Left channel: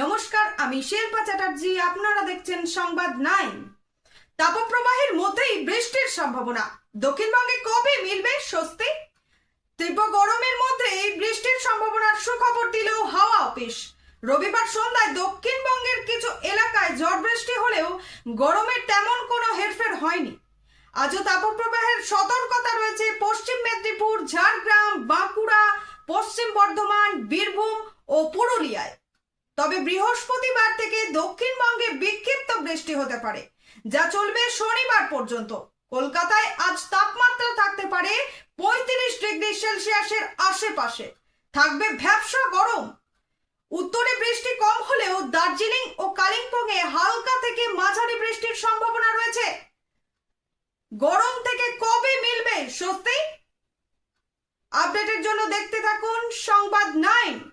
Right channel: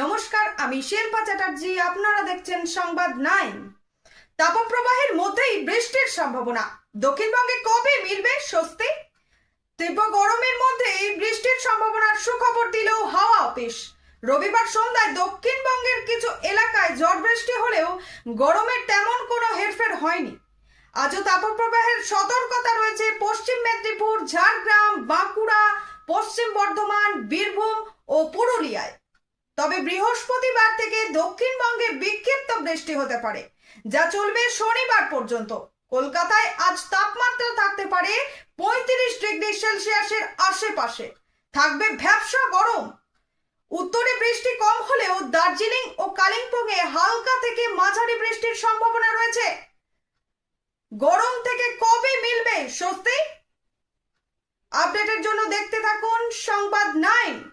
নমস্কার, আমি শিল্পা চ্যাটার্জি। আপনারা দেখছেন সংবাদ 9। তাপপ্রবাহের মধ্যেই বৃষ্টির সম্ভাবনা। দক্ষিণবঙ্গে কবে মিলবে স্বস্তি? তীব্র গরমের মধ্যেই বৃষ্টির সম্ভাবনার সুখবর দিল হাওয়া অফিস। রবিবার সন্ধ্যায় দক্ষিণবঙ্গের কিছু এলাকায় ঝড় বৃষ্টি হলেও গরমের তেমন কোনো হেরফের হয়নি। আজও তাপপ্রবাহের সতর্কতা রয়েছে পশ্চিম মেদিনীপুর, ঝাড়গ্রাম, বাঁকুড়া, পশ্চিম বর্ধমান, বীরভূম ও পুরুলিয়ায়। তবে বৃহস্পতিবার থেকে দক্ষিণবঙ্গে বিক্ষিপ্ত বৃষ্টি হতে পারে, যা চলবে শনিবার পর্যন্ত। কলকাতায় আজ তাপমাত্রা থাকতে পারে 35 ডিগ্রি সেলসিয়াসের আশেপাশে। থাকবে ভ্যাপসা গরম। উত্তরে বৃষ্টি কম হলেও দার্জিলিং ও কালিম্পংয়ে হালকা থেকে মাঝারি বৃষ্টির সম্ভাবনা রয়েছে। গরম থেকে কবে মিলবে স্বস্তি? আপডেটের জন্য দেখতে থাকুন সংবাদ 9।